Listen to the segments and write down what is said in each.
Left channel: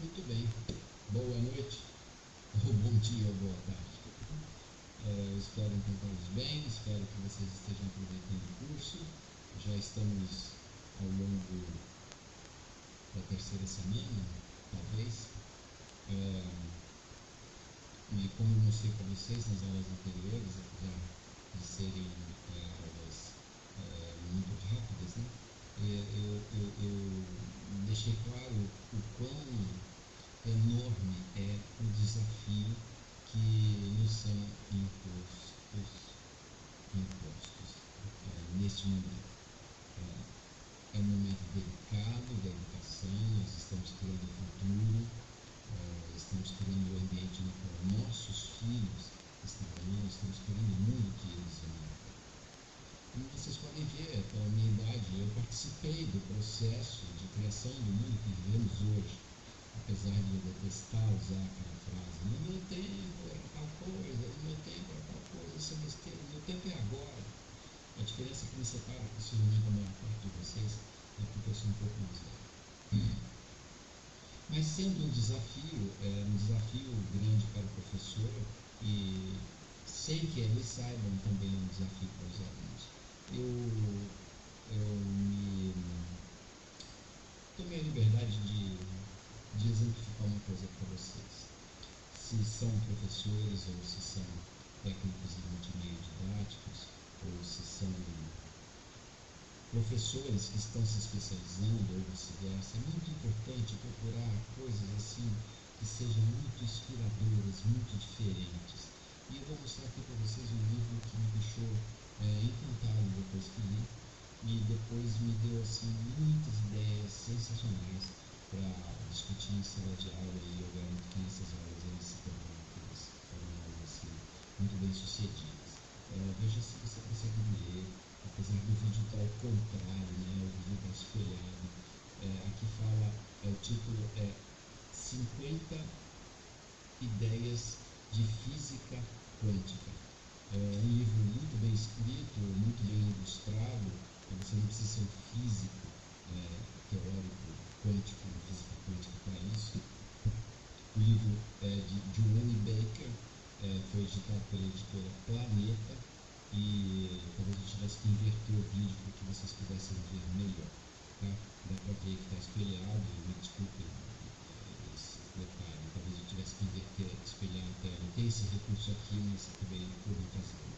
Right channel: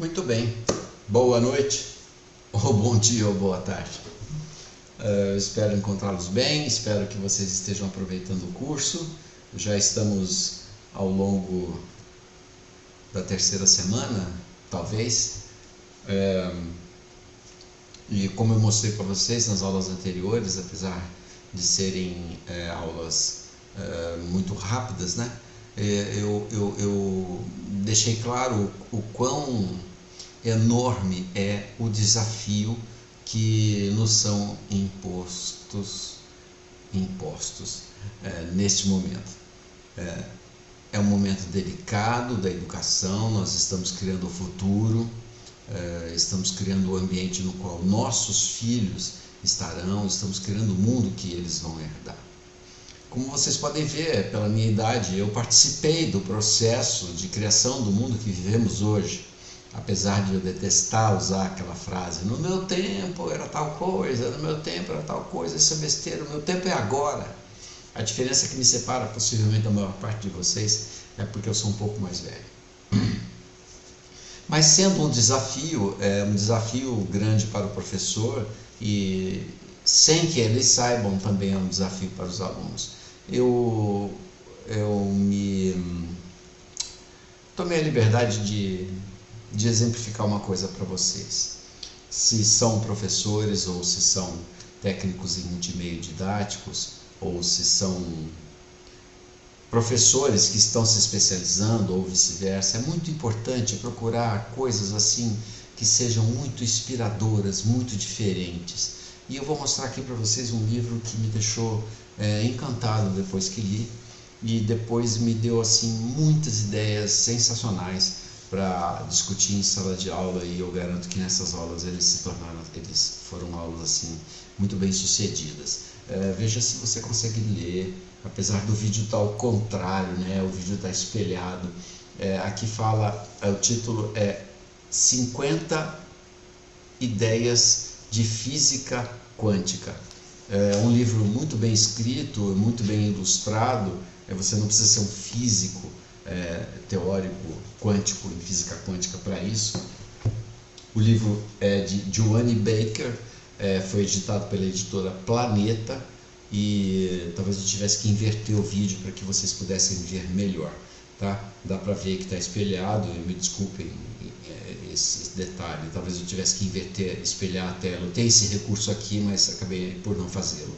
Muito bem, boa noite, ou bom dia, ou boa tarde. Espero encontrá-los bem, espero que vocês estejam aproveitando o curso. Já estamos ao longo da terceira semana, talvez. E como eu mostrei para vocês nas aulas anteriores, apesar de serem aulas muito rápidas, né? Eu deixei claro o quão enorme é o desafio que nos são impostos neste momento. É um momento delicado da educação, nós estamos criando o futuro, estamos criando o ambiente no qual nossos filhos estarão, estamos criando o mundo que eles vão herdar. Como vocês podem ver, pela minha idade, eu participei do processo de criação do mundo que vivemos hoje. Apesar de eu detestar usar aquela frase, no meu tempo era tal coisa, no meu tempo era tal coisa, isso é besteira, o meu tempo é agora. A diferença que me separa possivelmente da maior parte de vocês é porque eu sou um pouco mais velho. Mas sendo um desafio grande para o professor e sem que eles saibam também é um desafio para os alunos. Eu me tomei a liberdade de exemplificar uma coisa para vocês. Se são professores ou se são técnicos em multimeio didáticos ou se são professores que estão se especializando ou vice-versa, é muito importante procurar coisas assim que sejam muito inspiradoras, muito diferentes. E eu vou mostrar aqui para vocês um livro que me deixou encantado depois que li e depois me deu assim muitas ideias sensacionais para discutir em sala de aula, e eu garanto que nessas aulas eles foram aulas assim muito bem sucedidas. Veja se você consegue ler, apesar do vídeo estar ao contrário, né? O vídeo está espelhado. Aqui fala, o título é 50 ideias de física quântica. É um livro muito bem escrito, muito bem ilustrado. Você não precisa ser um físico teórico quântico em física quântica para isso. O livro é de Joanne Baker, foi editado pela editora Planeta, e talvez eu tivesse que inverter o vídeo para que vocês pudessem ver melhor, tá? Dá para ver que está espelhado, me desculpem esse detalhe, talvez eu tivesse que espelhar a tela. Eu tenho esse recurso aqui, mas acabei por não fazê-lo.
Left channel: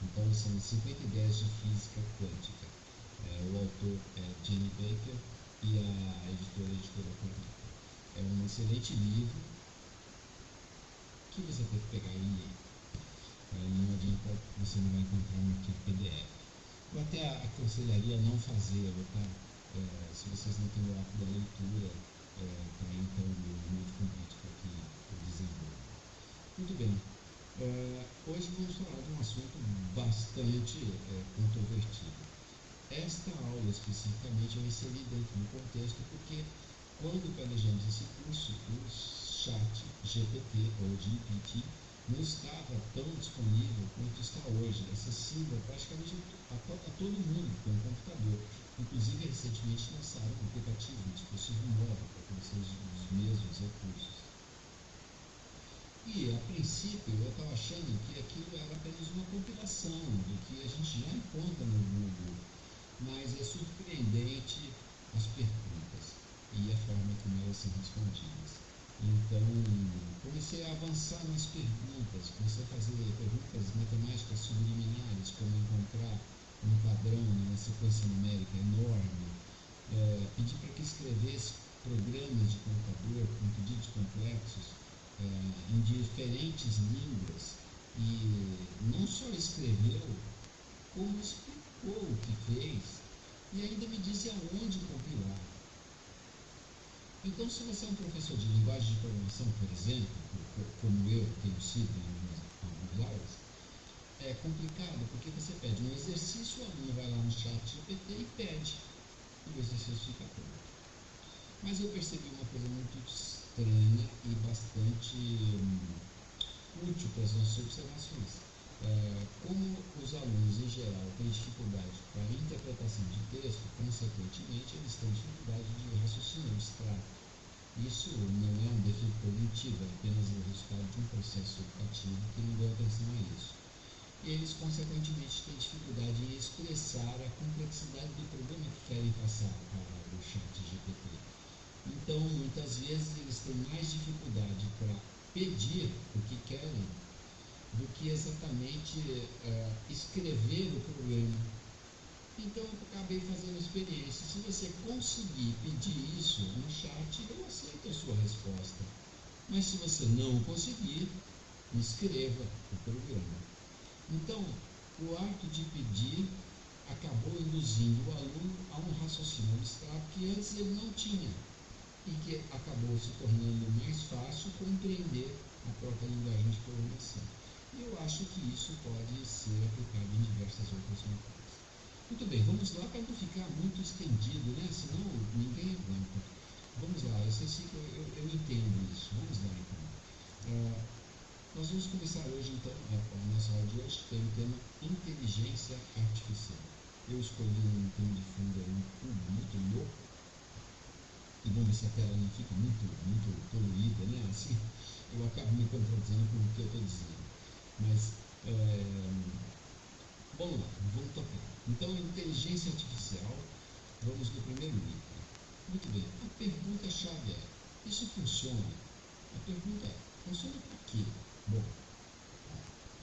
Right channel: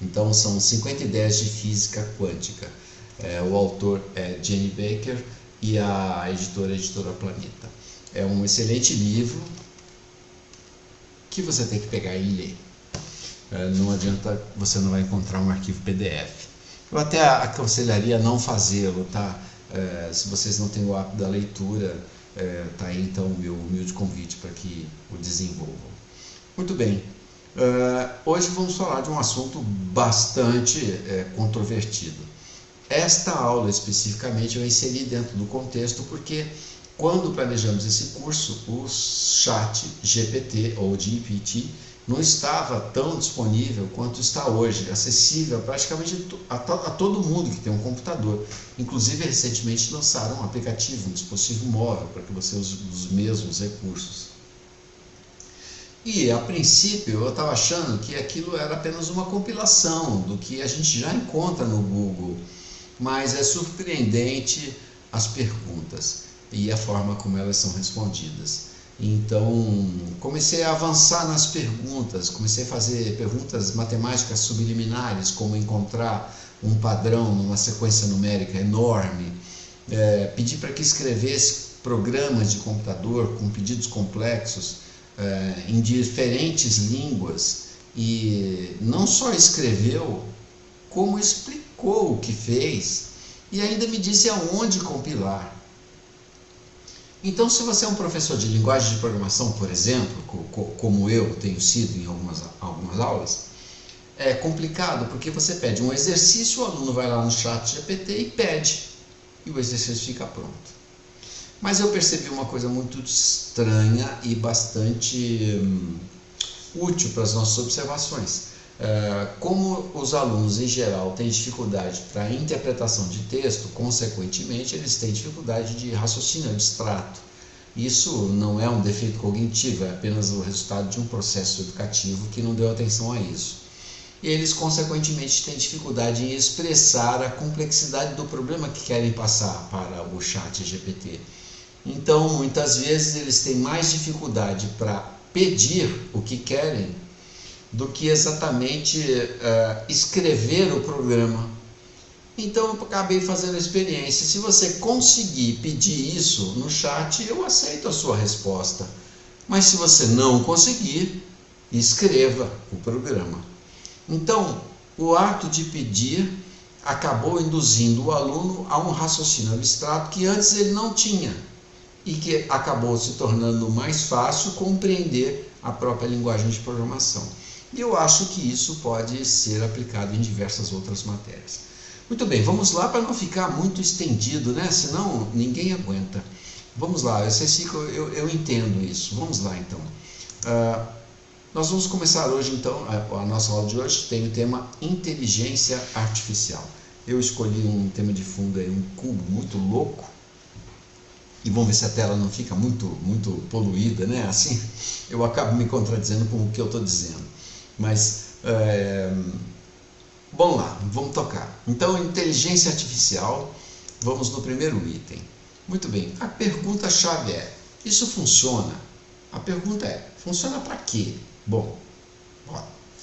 Então são 50 ideias de física quântica. O autor é Jenny Baker e a editora Planeta. É um excelente livro que você tem que pegar e ler. Não adianta, você não vai encontrar um arquivo PDF. Eu até aconselharia não fazê-lo, tá? Se vocês não têm o hábito da leitura, tá aí então o meu humilde convite para que o desenvolvam. Muito bem, hoje vamos falar de um assunto bastante controvertido. Esta aula especificamente eu inseri dentro do contexto porque quando planejamos esse curso, o chat GPT ou GPT não estava tão disponível quanto está hoje, acessível praticamente a todo mundo que tem um computador. Inclusive, recentemente lançaram um aplicativo, um dispositivo móvel, para que você use os mesmos recursos. E, a princípio, eu estava achando que aquilo era apenas uma compilação do que a gente já encontra no Google, mas é surpreendente as perguntas e a forma como elas são respondidas. Então, comecei a avançar nas perguntas, comecei a fazer perguntas matemáticas subliminares, como encontrar um padrão numa sequência numérica enorme, pedi para que escrevesse programas de computador com pedidos complexos em diferentes línguas, e não só escreveu, como explicou o que fez e ainda me disse aonde compilar. Então, se você é um professor de linguagem de programação, por exemplo, como eu tenho sido em algumas aulas, é complicado porque você pede um exercício, o aluno vai lá no chat GPT e pede, e o exercício fica pronto. Mas eu percebi uma coisa muito estranha e bastante útil para as nossas observações. Como os alunos em geral têm dificuldade para a interpretação de texto, consequentemente eles têm dificuldade de raciocínio abstrato. Isso não é um defeito cognitivo, é apenas o resultado de um processo educativo que não deu atenção a isso. E eles, consequentemente, têm dificuldade em expressar a complexidade do problema que querem passar para o chat GPT. Então, muitas vezes, eles têm mais dificuldade para pedir o que querem do que exatamente escrever o programa. Então, eu acabei fazendo a experiência. Se você conseguir pedir isso no chat, eu aceito a sua resposta. Mas se você não conseguir, escreva o programa. Então, o ato de pedir acabou induzindo o aluno a um raciocínio abstrato que antes ele não tinha e que acabou se tornando mais fácil compreender a própria linguagem de programação. E eu acho que isso pode ser aplicado em diversas outras matérias. Muito bem, vamos lá para não ficar muito estendido, né? Senão ninguém aguenta. Vamos lá, eu entendo isso. Vamos lá então. Nós vamos começar hoje então, a nossa aula de hoje tem o tema inteligência artificial. Eu escolhi um tema de fundo aí, um cubo muito louco. E vamos ver se a tela não fica muito poluída, né? Assim eu acabo me contradizendo com o que eu estou dizendo. Mas, vamos lá, vamos tocar. Então, inteligência artificial, vamos no primeiro item. Muito bem, a pergunta-chave é, isso funciona? A pergunta é, funciona para quê? Bom,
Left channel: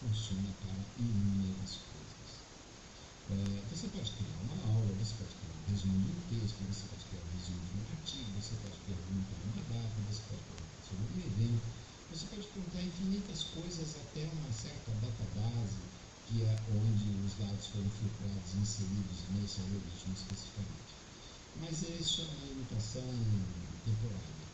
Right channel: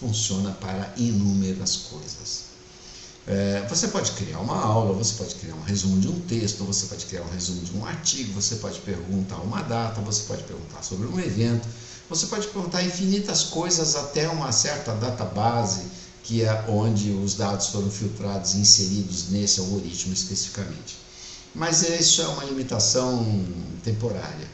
funciona para inúmeras coisas. Você pode criar uma aula, você pode criar um resumo de um texto, você pode criar um resumo de um artigo, você pode perguntar uma data, você pode perguntar sobre um evento, você pode perguntar infinitas coisas até uma certa database, que é onde os dados foram filtrados e inseridos nesse algoritmo especificamente. Mas isso é uma limitação temporária.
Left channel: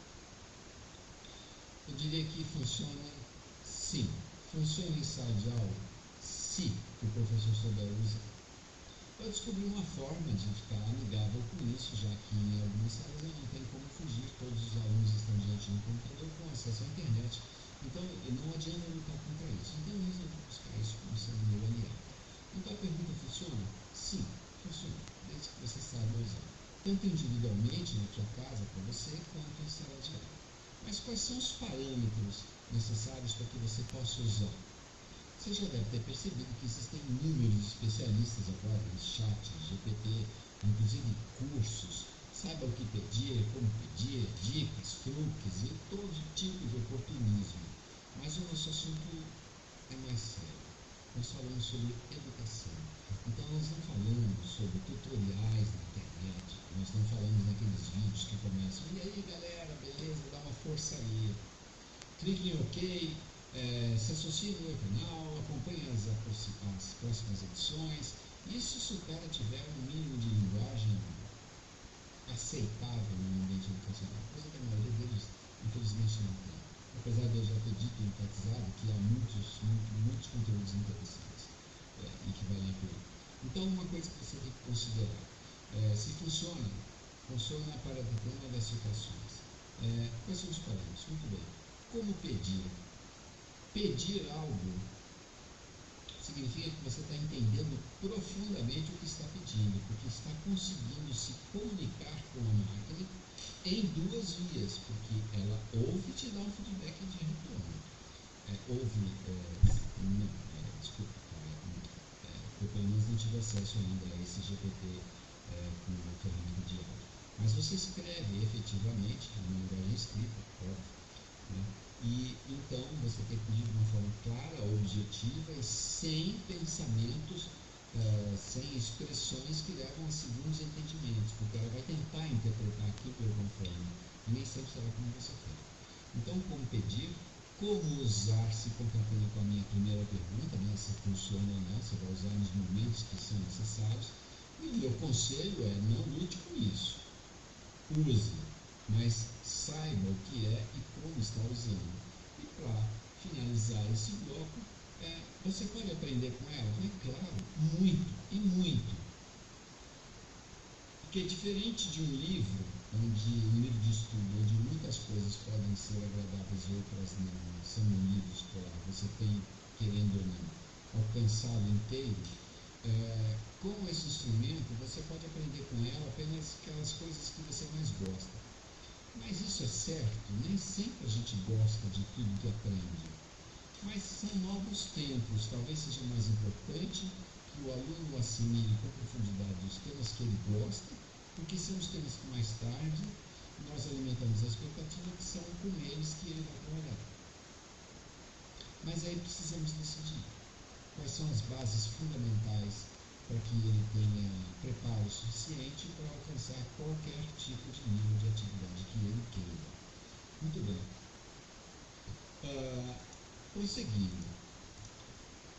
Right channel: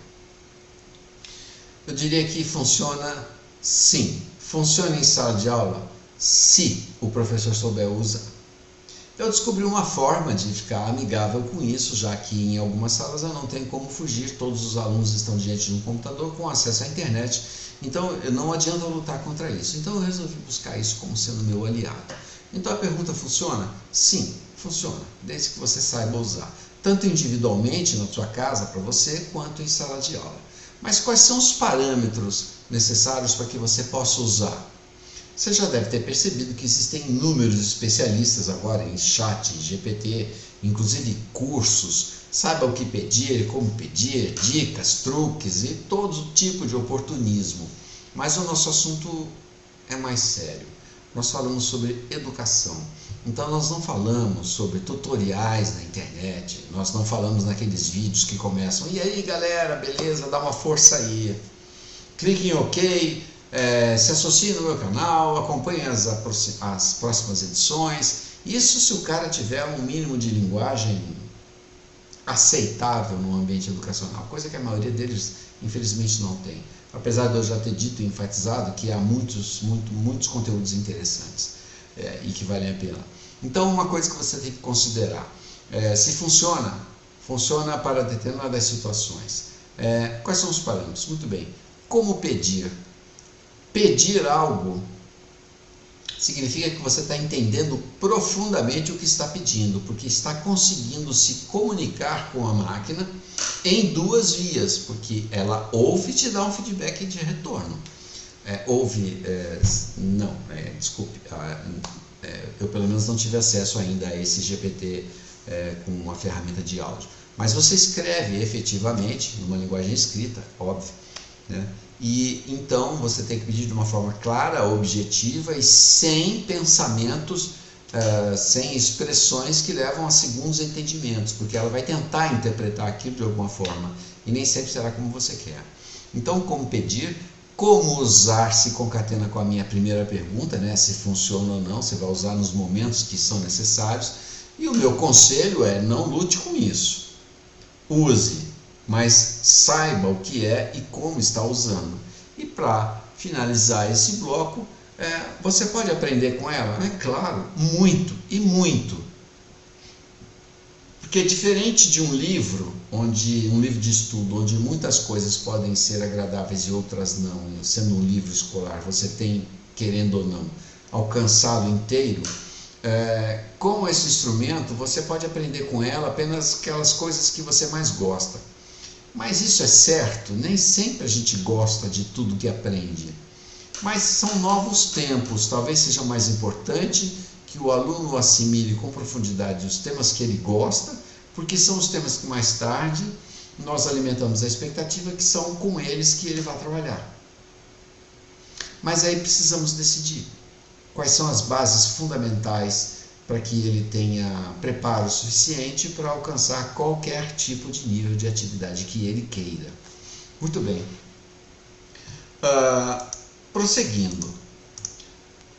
Eu diria que funciona sim. Funciona em sala de aula se o professor souber usar. Eu descobri uma forma de ficar amigável com isso, já que em algumas salas eu não tenho como fugir, todos os alunos estão diante de um computador com acesso à internet, então não adianta lutar contra isso. Então eu resolvi buscar isso como sendo meu aliado. Então a pergunta funciona? Sim, funciona, desde que você saiba usar, tanto individualmente na sua casa para você, quanto em sala de aula. Mas quais são os parâmetros necessários para que você possa usar? Você já deve ter percebido que existem inúmeros especialistas agora em chat, GPT, inclusive cursos, saiba o que pedir, como pedir, dicas, truques e todo tipo de oportunismo. Mas o nosso assunto é mais sério. Nós falamos sobre educação. Então nós não falamos sobre tutoriais na internet, nós não falamos naqueles vídeos que começam, e aí galera, beleza, dá uma força aí. Clique em OK. Se associe no meu canal, acompanhe as próximas edições. Isso se o cara tiver um mínimo de linguagem aceitável no ambiente educacional, coisa que a maioria deles infelizmente não tem. Apesar de eu já ter dito e enfatizado que há muitos conteúdos interessantes e que valem a pena. Então, uma coisa que você tem que considerar, se funciona para determinadas situações. Quais são os parâmetros? Muito bem. Como pedir? Pedir algo significa que você está entendendo profundamente o que está pedindo, porque está conseguindo se comunicar com a máquina em duas vias, porque ela ouve e te dá um feedback de retorno. Eu pelo menos não tive acesso ainda a esse GPT com uma ferramenta de áudio. Mas você escreve efetivamente, numa linguagem escrita, óbvio, né? E então você tem que pedir de uma forma clara, objetiva e sem pensamentos, sem expressões que levam a segundos entendimentos, porque ela vai tentar interpretar aquilo de alguma forma e nem sempre será como você quer. Então, como pedir, como usar se concatena com a minha primeira pergunta, né? Se funciona ou não, você vai usar nos momentos que são necessários. E o meu conselho é não lute com isso. Use, mas saiba o que é e como está usando. E para finalizar esse bloco, você pode aprender com ela? É claro, muito e muito. Porque diferente de um livro de estudo, onde muitas coisas podem ser agradáveis e outras não, sendo um livro escolar, você tem, querendo ou não, alcançá-lo inteiro, com esse instrumento você pode aprender com ela apenas aquelas coisas que você mais gosta. Mas isso é certo, nem sempre a gente gosta de tudo que aprende. Mas são novos tempos, talvez seja mais importante que o aluno assimile com profundidade os temas que ele gosta, porque são os temas que mais tarde nós alimentamos a expectativa que são com eles que ele vai trabalhar. Mas aí precisamos decidir quais são as bases fundamentais para que ele tenha preparo suficiente para alcançar qualquer tipo de nível de atividade que ele queira. Muito bem. Prosseguindo.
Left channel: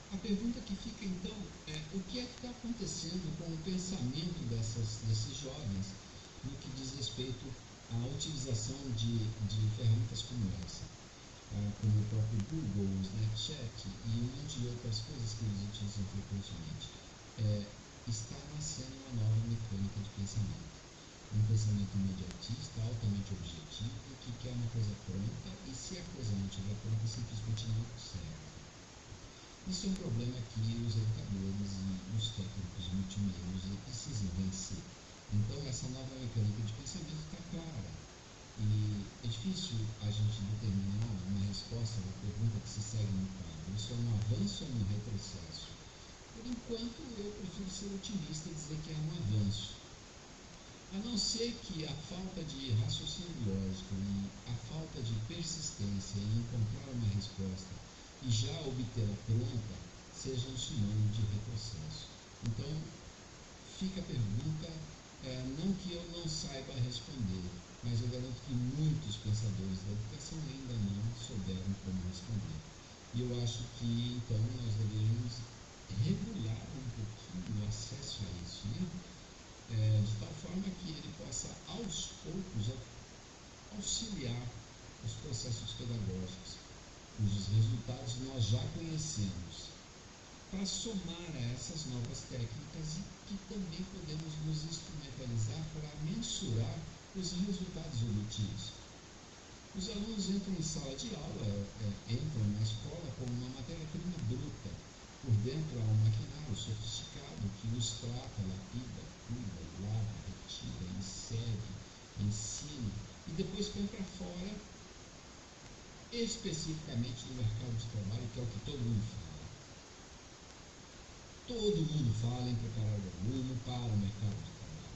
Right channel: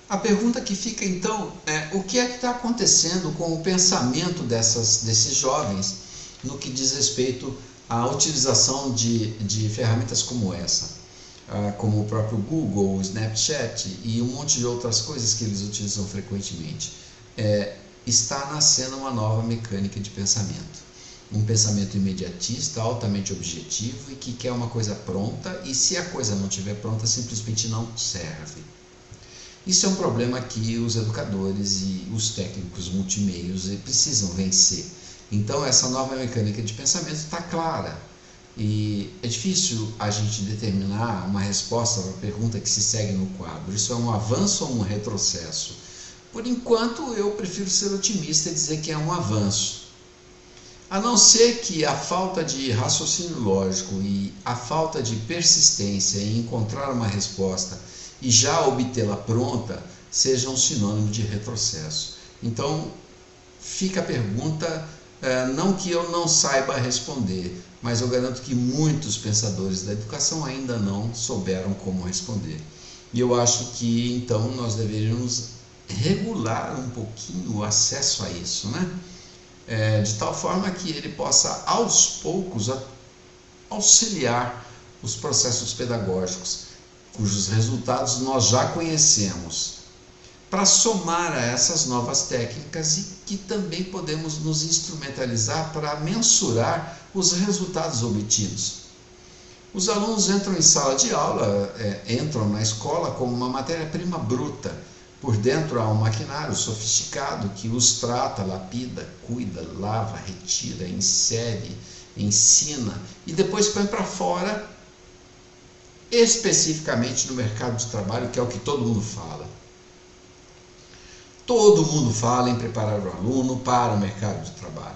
A pergunta que fica então é: o que é que está acontecendo com o pensamento desses jovens no que diz respeito à utilização de ferramentas como essa? Como o próprio Google, o Snapchat e um monte de outras coisas que eles utilizam frequentemente. Está nascendo uma nova mecânica de pensamento. Um pensamento imediatista, altamente objetivo e que quer uma coisa pronta, e se a coisa não estiver pronta, simplesmente não serve. Isso é um problema que os educadores e os técnicos multimeios precisam vencer. Então, essa nova mecânica de pensamento está clara. E é difícil a gente determinar uma resposta para a pergunta que se segue no quadro. Isso é um avanço ou um retrocesso? Por enquanto, eu prefiro ser otimista e dizer que é um avanço. A não ser que a falta de raciocínio lógico e a falta de persistência em encontrar uma resposta e já obtê-la pronta sejam um sinônimo de retrocesso. Então, fica a pergunta, não que eu não saiba responder, mas eu garanto que muitos pensadores da educação ainda não souberam como responder. E eu acho que, então, nós deveríamos regular um pouquinho o acesso a isso, né? De tal forma que ele possa, aos poucos, auxiliar os processos pedagógicos, cujos resultados nós já conhecemos, para somar a essas novas técnicas e que também podemos nos instrumentalizar para mensurar os resultados obtidos. Os alunos entram em sala de aula, entram na escola como uma matéria-prima bruta. Por dentro há um maquinário sofisticado que os trata, lapida, cuida, lava, retira, insere, ensina e depois põe para fora, especificamente no mercado de trabalho, que é o que todo mundo fala. Todo mundo fala em preparar o aluno para o mercado de trabalho,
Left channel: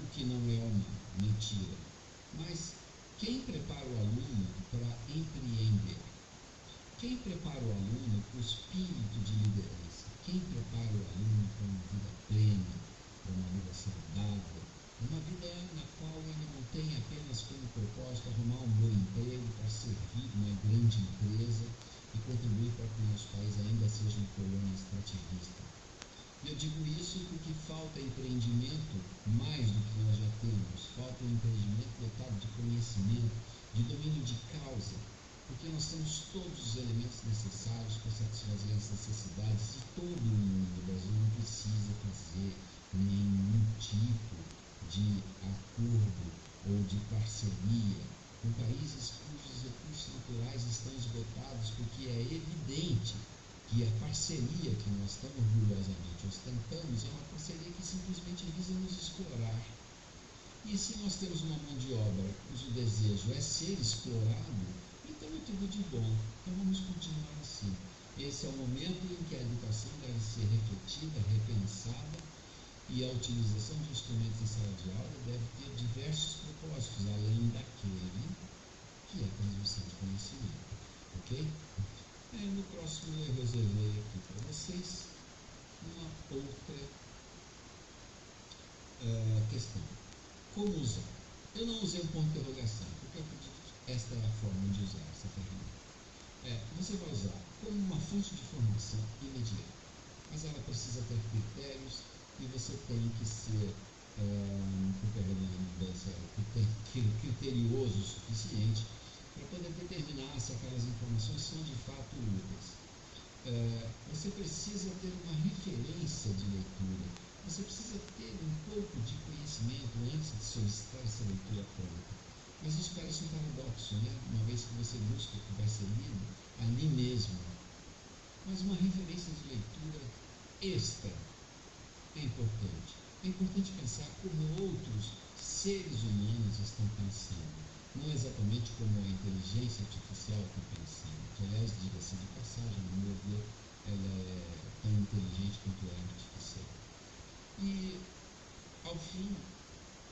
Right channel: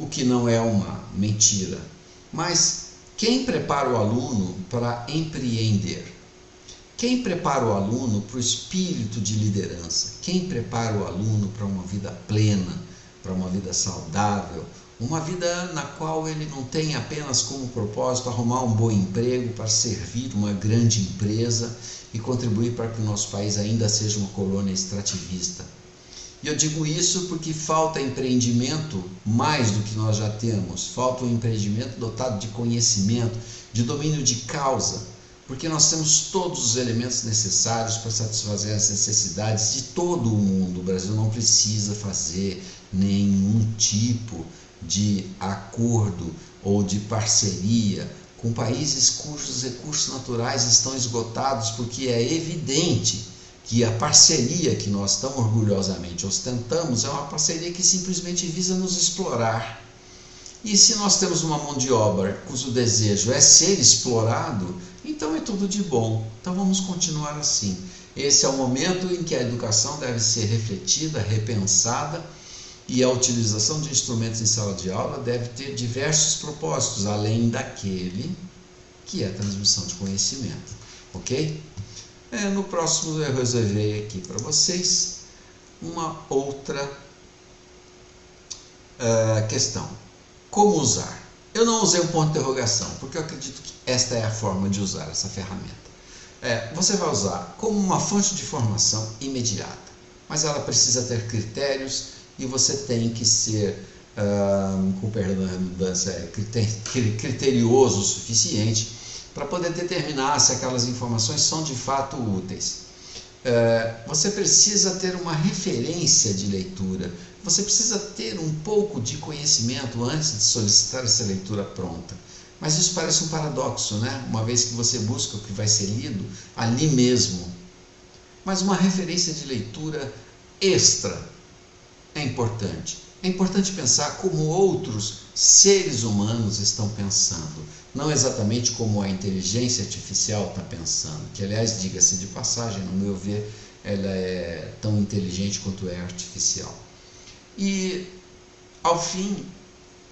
o que não é uma mentira. Mas quem prepara o aluno para empreender? Quem prepara o aluno para o espírito de liderança? Quem prepara o aluno para uma vida plena, para uma vida saudável, uma vida na qual ele não tem apenas como propósito arrumar um bom emprego para servir uma grande empresa e contribuir para que o nosso país ainda seja uma colônia extrativista? E eu digo isso porque falta empreendimento mais do que nós já temos, falta um empreendimento dotado de conhecimento, de domínio de causa, porque nós temos todos os elementos necessários para satisfazer as necessidades de todo o mundo. O Brasil não precisa fazer nenhum tipo de acordo ou de parceria com países cujos recursos naturais estão esgotados, porque é evidente que a parceria que nós tão orgulhosamente ostentamos é uma parceria que simplesmente visa nos explorar. E se nós temos uma mão de obra cujo desejo é ser explorado, então é tudo de bom. Então vamos continuar assim. Esse é o momento em que a educação deve ser refletida, repensada, e a utilização de instrumentos em sala de aula deve ter diversos propósitos, além daquele que é a transmissão de conhecimento. Ok? No próximo eu reservei aqui para vocês uma outra questão. Como usar? Eu não usei um ponto de interrogação, porque eu acredito que esta é a forma de usar essa ferramenta. Você vai usar como uma fonte de informação imediata, mas ela precisa ter critérios e você tem que ser, com perdão da redundância, criterioso o suficiente para poder determinar se aquelas informações são de fato úteis. Você precisa ter uma referência de leitura, você precisa ter um pouco de conhecimento antes de solicitar essa leitura pronta. Mas isso parece um paradoxo, né? Uma vez que você busca o que vai ser lido ali mesmo. Mas uma referência de leitura extra é importante. é importante pensar como outros seres humanos estão pensando, não exatamente como a inteligência artificial está pensando, que, aliás, diga-se de passagem, no meu ver, ela é tão inteligente quanto é artificial. E, ao fim,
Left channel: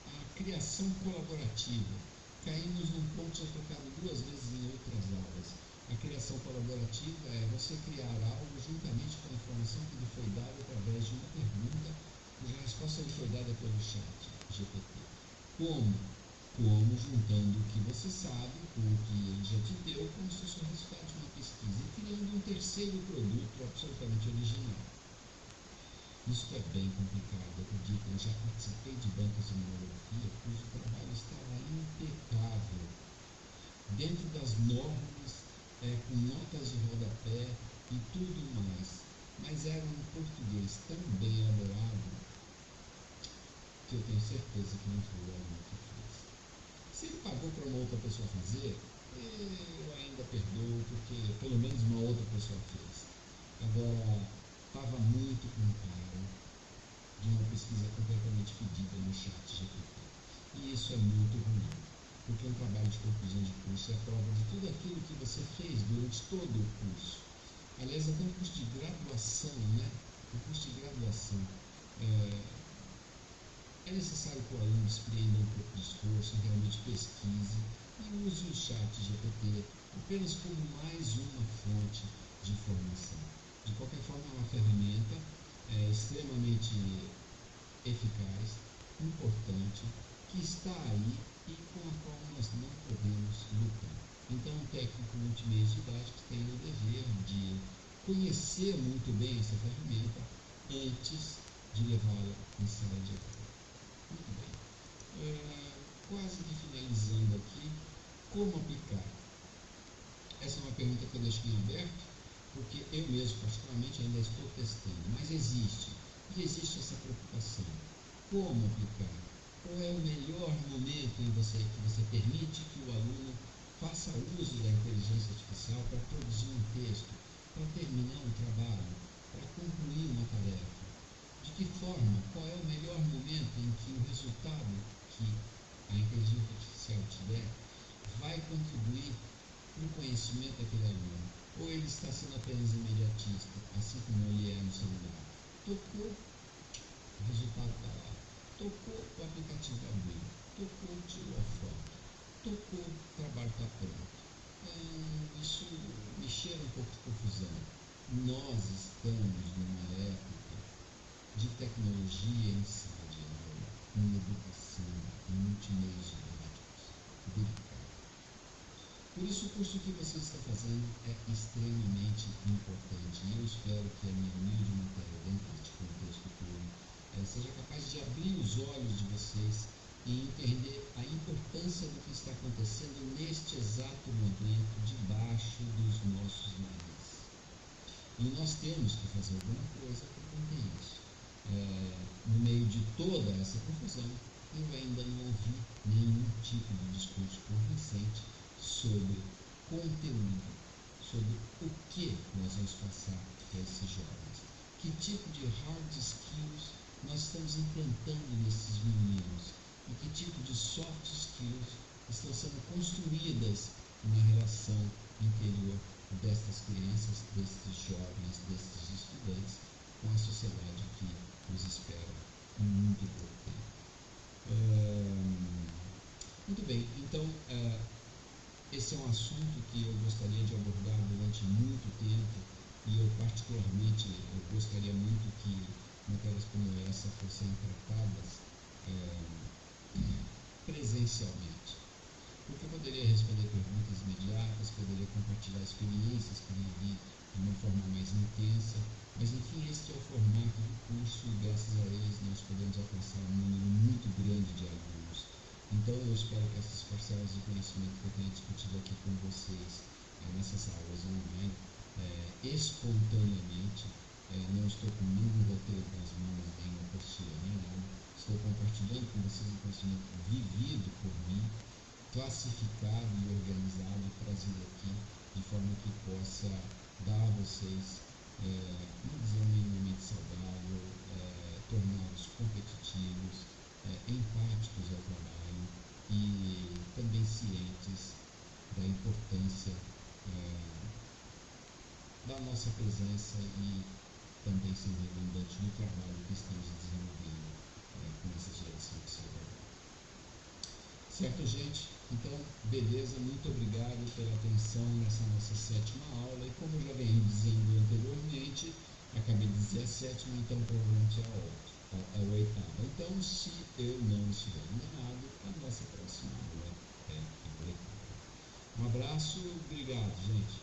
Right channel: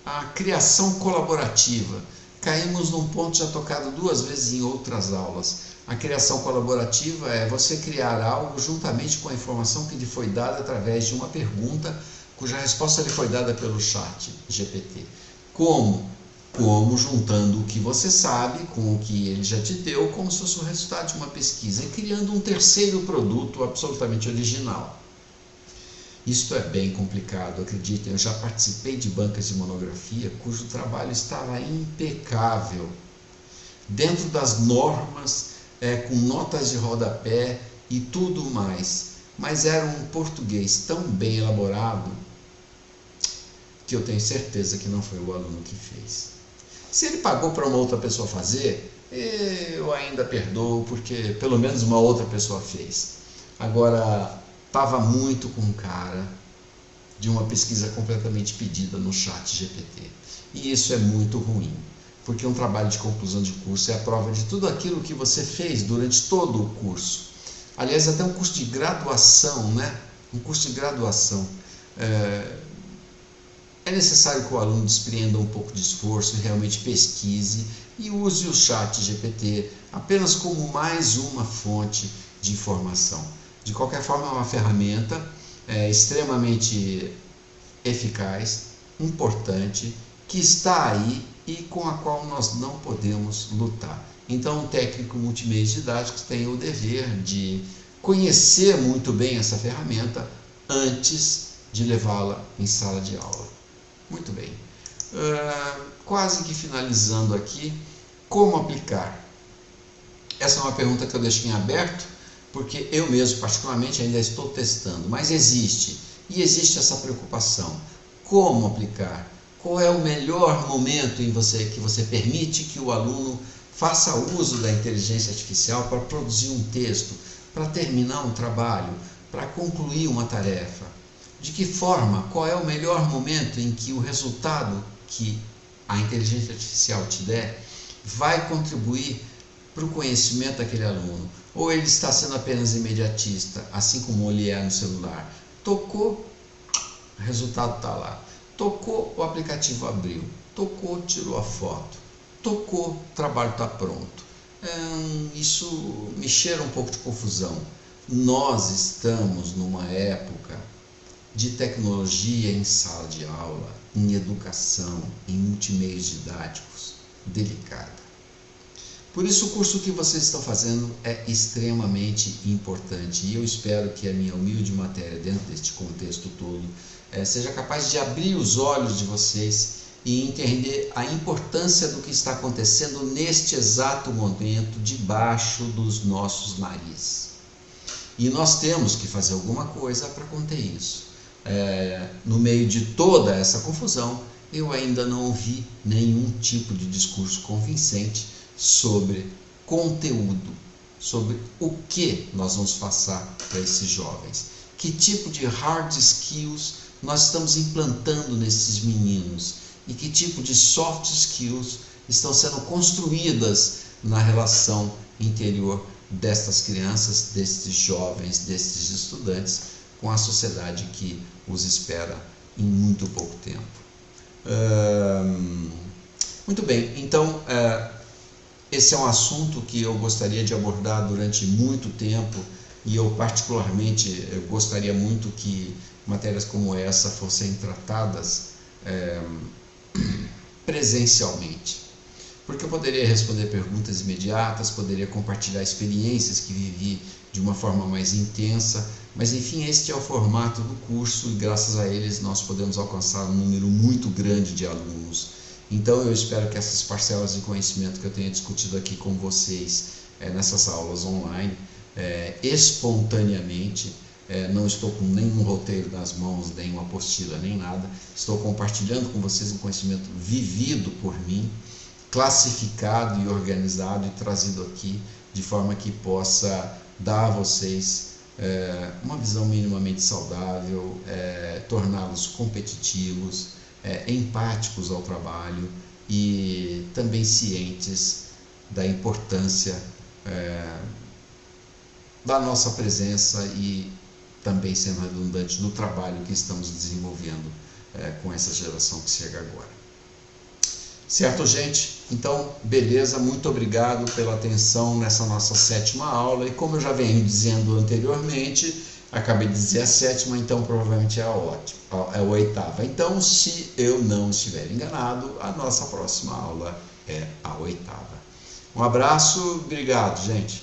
a criação colaborativa. Caímos num ponto já tocado 2 vezes em outras aulas. A criação colaborativa é você criar algo juntamente com a informação que lhe foi dada através de uma pergunta cuja resposta lhe foi dada pelo chat GPT. Como? Como juntando o que você sabe com o que ele já te deu, como se fosse o resultado de uma pesquisa, e criando um terceiro produto absolutamente original. Isto é bem complicado, acreditem, eu já participei de bancas de monografia cujo trabalho estava impecável, dentro das normas, com notas de rodapé e tudo mais, mas era um português tão bem elaborado que eu tenho certeza que não foi o aluno que fez. Se ele pagou para uma outra pessoa fazer, eu ainda perdoo, porque pelo menos uma outra pessoa fez. Agora, estava muito com cara de uma pesquisa completamente pedida no chat GPT. E isso é muito ruim, porque um trabalho de conclusão de curso é a prova de tudo aquilo que você fez durante todo o curso. Aliás, até um curso de graduação, né? Um curso de graduação. É necessário que o aluno despreenda um pouco de esforço e realmente pesquise e use o chat GPT apenas como mais uma fonte de informação. De qualquer forma, é uma ferramenta extremamente eficaz, importante, que está aí e com a qual nós não podemos lutar. Então, o técnico multimeios didáticos tem o dever de conhecer muito bem essa ferramenta antes de levá-la em sala de aula. Muito bem. Quase que finalizando aqui, como aplicar? Essa é uma pergunta que eu deixo em aberto, porque eu mesmo, particularmente, ainda estou testando, mas existe, e existe essa preocupação. Como aplicar? Qual é o melhor momento em que você permite que o aluno faça uso da inteligência artificial para produzir um texto, para terminar um trabalho, para concluir uma tarefa? De que forma? Qual é o melhor momento em que o resultado que a inteligência artificial te der vai contribuir para o conhecimento daquele aluno? Ou ele está sendo apenas imediatista, assim como ele é no celular? Tocou, o resultado está lá. Tocou, o aplicativo abriu. Tocou, tirou a foto. Tocou, o trabalho está pronto. Isso me cheira um pouco de confusão. Nós estamos numa época de tecnologia em sala de aula, em educação, em multimeios didáticos, delicada. Por isso, o curso que vocês estão fazendo é extremamente importante e eu espero que a minha humilde matéria, dentro deste contexto todo, seja capaz de abrir os olhos de vocês e entender a importância do que está acontecendo neste exato momento debaixo dos nossos narizes. E nós temos que fazer alguma coisa para conter isso. No meio de toda essa confusão, eu ainda não ouvi nenhum tipo de discurso convincente sobre conteúdo, sobre o que nós vamos passar para esses jovens. Que tipo de hard skills nós estamos implantando nesses meninos e que tipo de soft skills estão sendo construídas na relação interior destas crianças, destes jovens, destes estudantes, com a sociedade que os espera em muito pouco tempo. Muito bem, então esse é um assunto que eu gostaria de abordar durante muito tempo e eu particularmente gostaria muito que matérias como essa fossem tratadas presencialmente, porque eu poderia responder perguntas imediatas, poderia compartilhar experiências que vivi de uma forma mais intensa, mas enfim, este é o formato do curso e graças a eles nós podemos alcançar um número muito grande de alunos. Então eu espero que essas parcelas de conhecimento que eu tenha discutido aqui com vocês nessas aulas online, espontaneamente, não estou com nenhum roteiro nas mãos, nem uma apostila, nem nada, estou compartilhando com vocês um conhecimento vivido por mim, classificado e organizado e trazido aqui de forma que possa dar a vocês uma visão minimamente saudável, torná-los competitivos, empáticos ao trabalho e também cientes da importância da nossa presença e também, sendo redundante, do trabalho que estamos desenvolvendo com essa geração que chega agora. Certo, gente? Então, beleza, muito obrigado pela atenção nessa nossa 7ª aula, e como eu já venho dizendo anteriormente, acabei de dizer a 7ª, então provavelmente é a 8ª. Então, se eu não estiver enganado, a nossa próxima aula é a 8ª. Um abraço, obrigado, gente.